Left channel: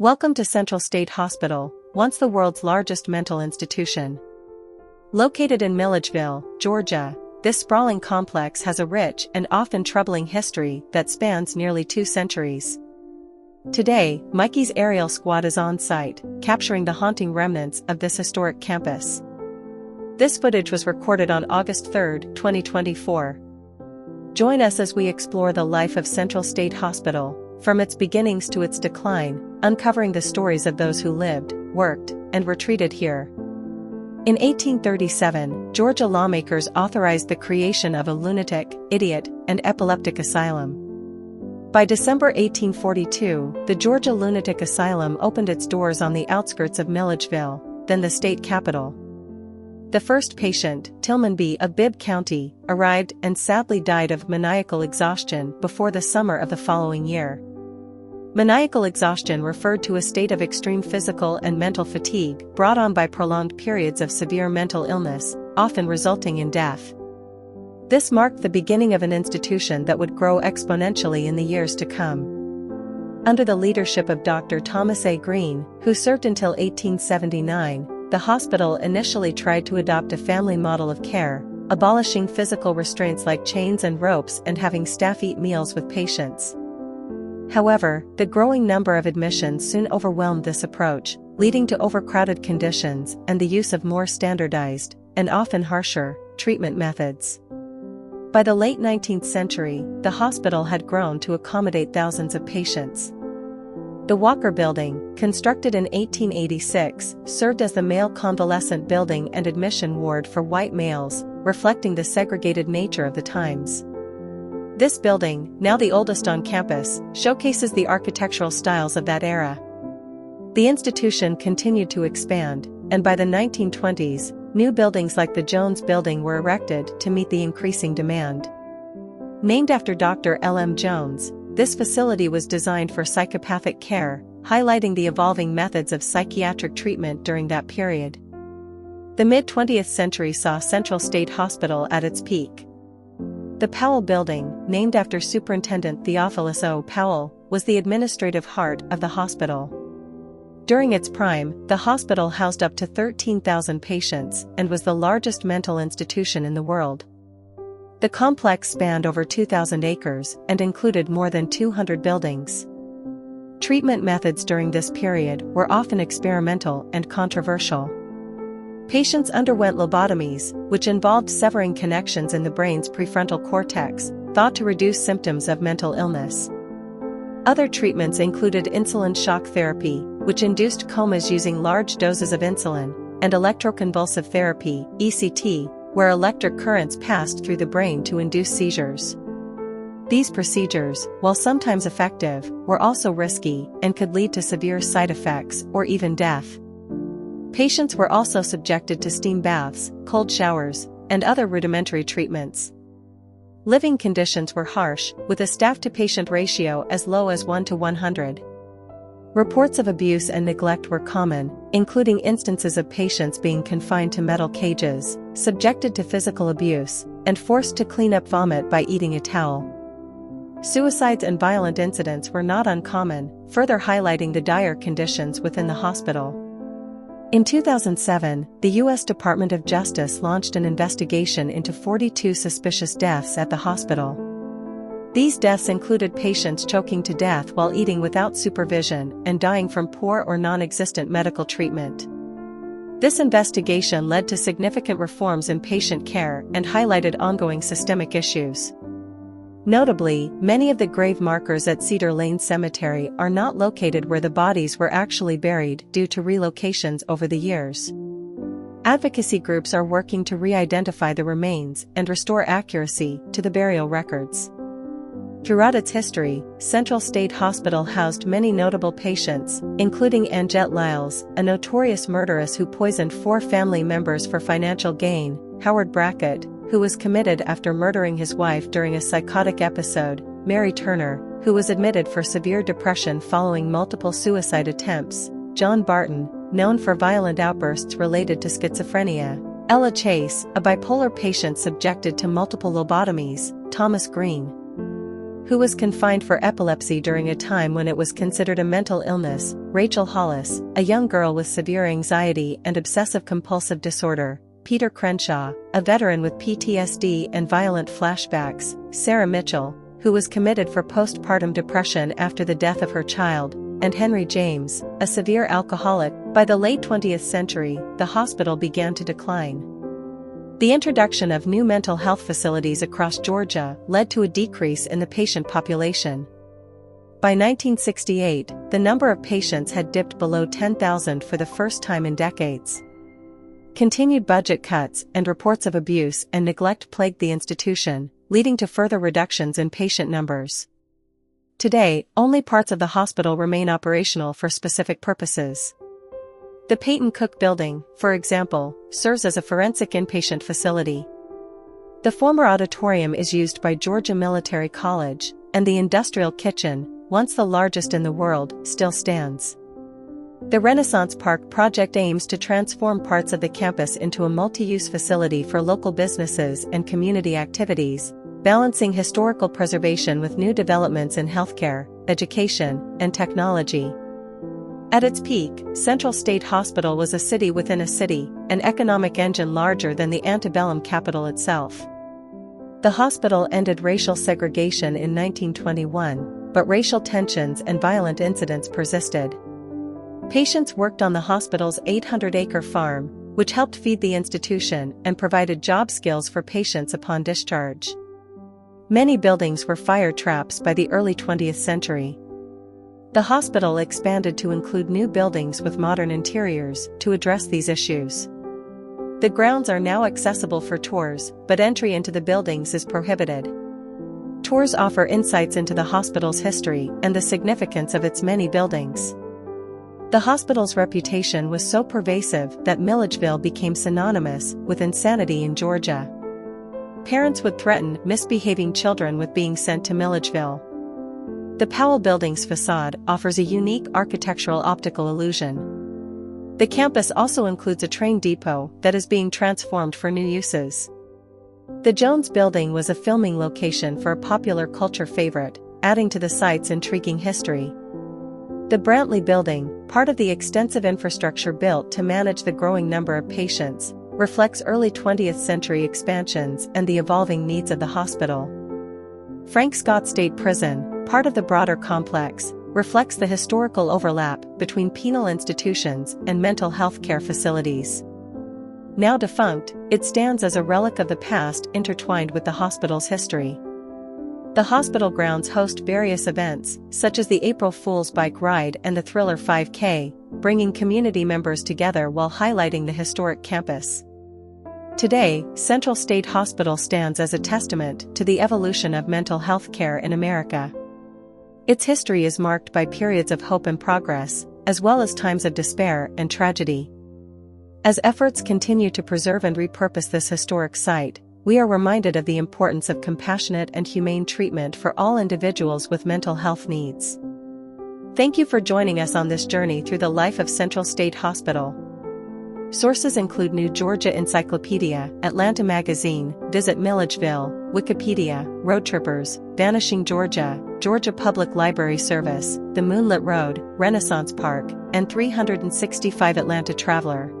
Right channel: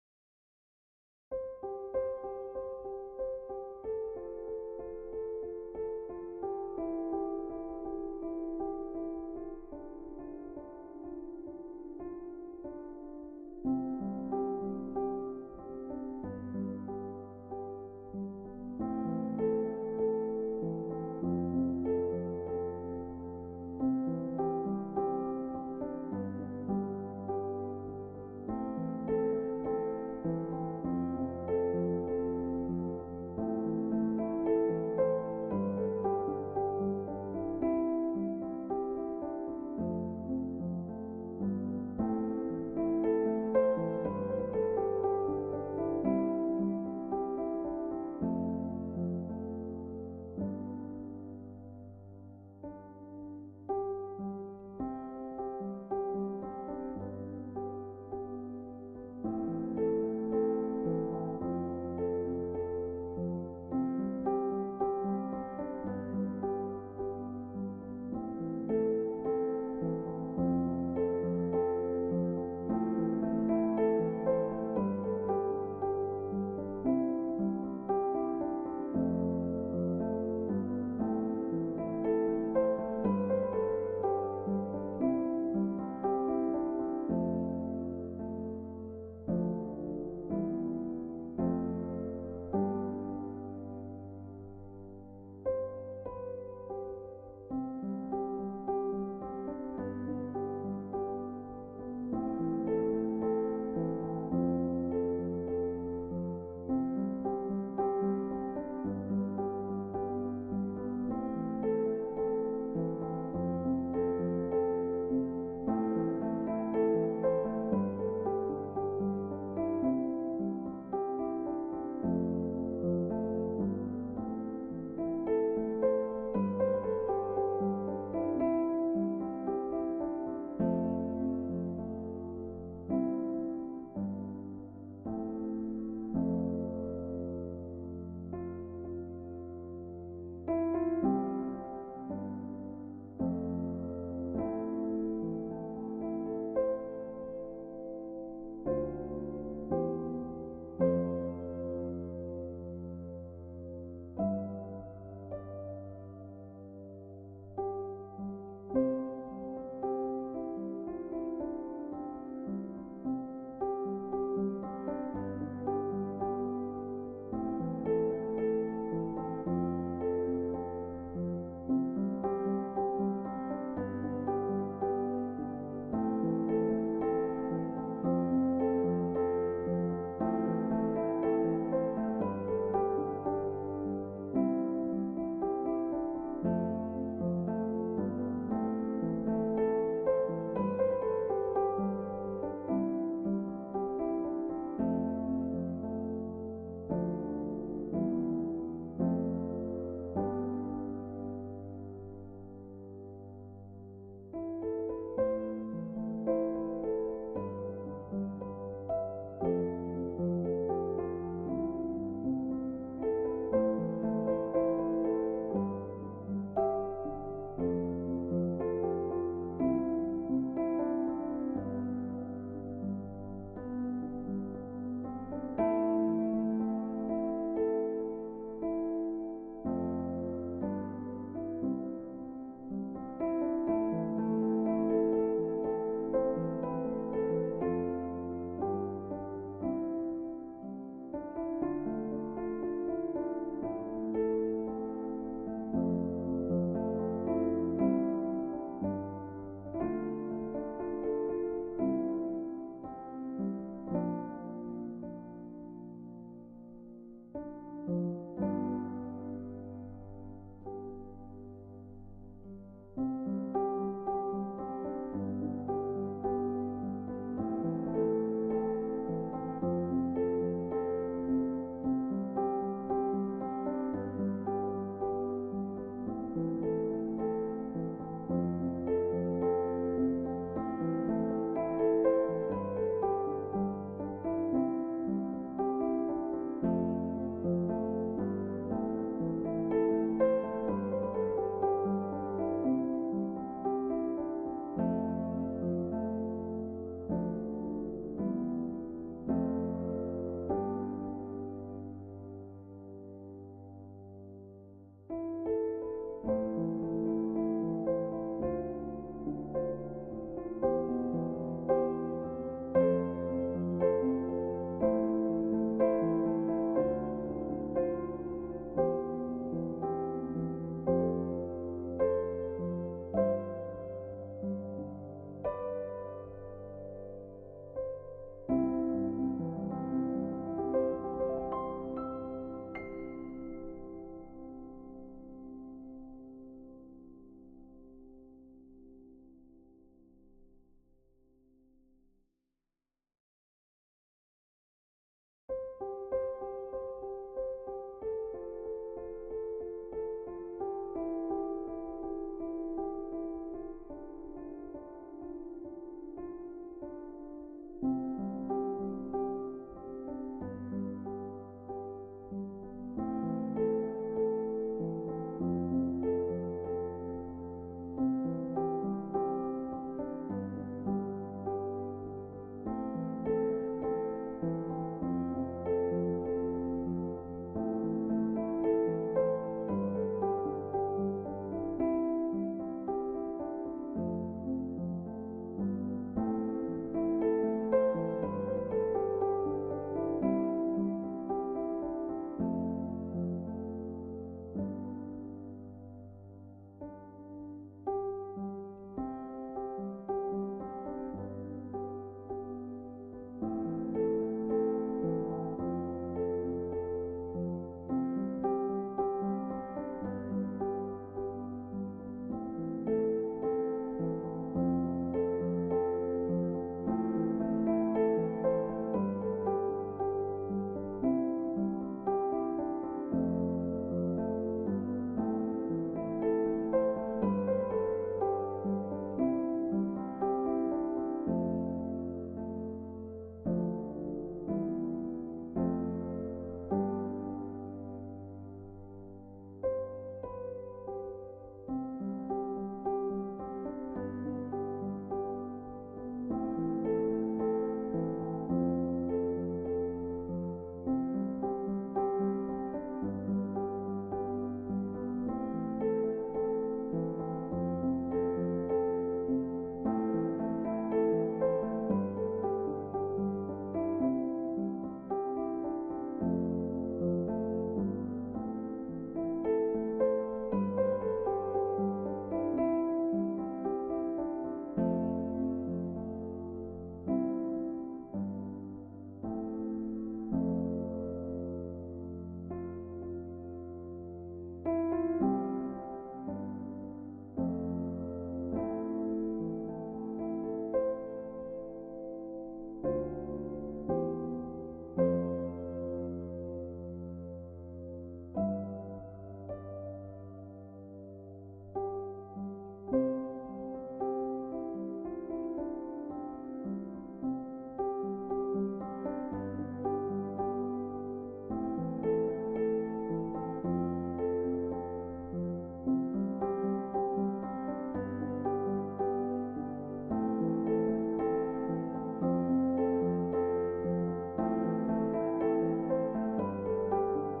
Welcome to Central State Hospital, once the world's largest mental institution. Located in Milledgeville, Georgia, this sprawling complex has a rich and often troubling history that spans nearly 2 centuries. Today, Mikey's aerial squad is on site, capturing the haunting remnants of this historic campus. This footage was recorded on August 3, 2024. Join us as we explore the life of Central State Hospital, from its beginnings to its decline, uncovering the stories of those who lived, worked, and were treated here. In 1837, Georgia lawmakers authorized the creation of a lunatic, idiot, and epileptic asylum. By December 1842, the Georgia Lunatic Asylum opened its doors on the outskirts of Milledgeville, then the state capital. The first patient, Tillman B. of Bibb County, arrived and sadly died of maniacal exhaustion before the summer of the following year. Maniacal exhaustion referred to a state of extreme physical and mental fatigue brought on by prolonged periods of severe mental illness, often resulting in death. This marked the beginning of an institution that would grow exponentially in the years to come. Under the leadership of Dr. Thomas A. Green, who served until 1879, the hospital initially tried to adopt a family model of care, abolishing physical restraints like chains and ropes and having staff eat meals with patients. However, the growing number of admissions soon overwhelmed this approach, leading to overcrowded conditions and the use of more standardized, and often harsher, treatment methods. By the late 19th century, the hospital had grown to accommodate thousands of patients. The Powell Building, constructed in 1886, served as the male convalescent building and admission ward for white males, reflecting the segregated nature of the times. This building, now the oldest on campus, showcases the architectural styles of that era. The institution continued to expand, and by the 1920s, new buildings like the Jones Building were erected to meet the increasing demand. Named after Dr. L. M. Jones, this facility was designed for psychopathic care, highlighting the evolving methods of psychiatric treatment during that period. The mid-20th century saw Central State Hospital at its peak. The Powell Building, named after Superintendent Theophilus O. Powell, was the administrative heart of the hospital. During its prime, the hospital housed up to 13,000 patients and was the largest mental institution in the world. The complex spanned over 2,000 acres and included more than 200 buildings. Treatment methods during this period were often experimental and controversial. Patients underwent lobotomies, which involved severing connections in the brain's prefrontal cortex, thought to reduce symptoms of mental illness. Other treatments included insulin shock therapy, which induced comas using large doses of insulin, and electroconvulsive therapy, ECT, where electric currents passed through the brain to induce seizures. These procedures, while sometimes effective, were also risky and could lead to severe side effects or even death. Patients were also subjected to steam baths, cold showers, and other rudimentary treatments. Living conditions were harsh, with a staff-to-patient ratio as low as 1:100. Reports of abuse and neglect were common, including instances of patients being confined to metal cages, subjected to physical abuse, and forced to clean up vomit by eating a towel. Suicides and violent incidents were not uncommon, further highlighting the dire conditions within the hospital. In 2007, the U.S. Department of Justice launched an investigation into 42 suspicious deaths at the hospital. These deaths included patients choking to death while eating without supervision and dying from poor or non-existent medical treatment. This investigation led to significant reforms in patient care and highlighted ongoing systemic issues. Notably, many of the grave markers at Cedar Lane Cemetery are not located where the bodies were actually buried due to relocations over the years. Advocacy groups are working to re-identify the remains and restore accuracy to the burial records. Throughout its history, Central State Hospital housed many notable patients, including Angette Lyles, a notorious murderess who poisoned 4 family members for financial gain, Howard Brackett, who was committed after murdering his wife during a psychotic episode, Mary Turner, who was admitted for severe depression following multiple suicide attempts, John Barton, known for violent outbursts related to schizophrenia, Ella Chase, a bipolar patient subjected to multiple lobotomies, Thomas Green. who was confined for epilepsy during a time when it was considered a mental illness, Rachel Hollis, a young girl with severe anxiety and obsessive-compulsive disorder, Peter Crenshaw, a veteran with PTSD and violent flashbacks, Sarah Mitchell, who was committed for postpartum depression after the death of her child, and Henry James, a severe alcoholic. By the late 20th century, the hospital began to decline. The introduction of new mental health facilities across Georgia led to a decrease in the patient population. By 1968, the number of patients had dipped below 10,000 for the first time in decades. Continued budget cuts and reports of abuse and neglect plagued the institution, leading to further reductions in patient numbers. Today, only parts of the hospital remain operational for specific purposes. The Peyton Cook Building, for example, serves as a forensic inpatient facility. The former auditorium is used by Georgia Military College, and the Industrial Kitchen, once the largest in the world, still stands. The Renaissance Park project aims to transform parts of the campus into a multi-use facility for local businesses and community activities, balancing historical preservation with new developments in healthcare, education, and technology. At its peak, Central State Hospital was a city within a city, an economic engine larger than the antebellum capital itself. The hospital ended racial segregation in 1921, but racial tensions and violent incidents persisted. Patients worked on the hospital's 800-acre farm, which helped feed the institution and provided job skills for patients upon discharge. Many buildings were fire traps by the early 20th century. The hospital expanded to include new buildings with modern interiors to address these issues. The grounds are now accessible for tours, but entry into the buildings is prohibited. Tours offer insights into the hospital's history and the significance of its many buildings. The hospital's reputation was so pervasive that Milledgeville became synonymous with insanity in Georgia. Parents would threaten misbehaving children with being sent to Milledgeville. The Powell Building's facade offers a unique architectural optical illusion. The campus also includes a train depot that is being transformed for new uses. The Jones Building was a filming location for a popular culture favorite, adding to the site's intriguing history. The Brantley Building, part of the extensive infrastructure built to manage the growing number of patients, reflects early 20th century expansions and the evolving needs of the hospital. Frank Scott State Prison, part of the broader complex, reflects the historical overlap between penal institutions and mental health care facilities. Now defunct, it stands as a relic of the past intertwined with the hospital's history. The hospital grounds host various events, such as the April Fool's Bike Ride and the Thriller 5K, bringing community members together while highlighting the historic campus. Today, Central State Hospital stands as a testament to the evolution of mental health care in America. Its history is marked by periods of hope and progress, as well as times of despair and tragedy. As efforts continue to preserve and repurpose this historic site, we are reminded of the importance of compassionate and humane treatment for all individuals with mental health needs. Thank you for joining us on this journey through the life of Central State Hospital. Sources include New Georgia Encyclopedia, Atlanta Magazine, Visit Milledgeville, Wikipedia, Road Trippers, Vanishing Georgia, Georgia Public Library Service, The Moonlit Road, Renaissance Park, and 365 Atlanta Traveler.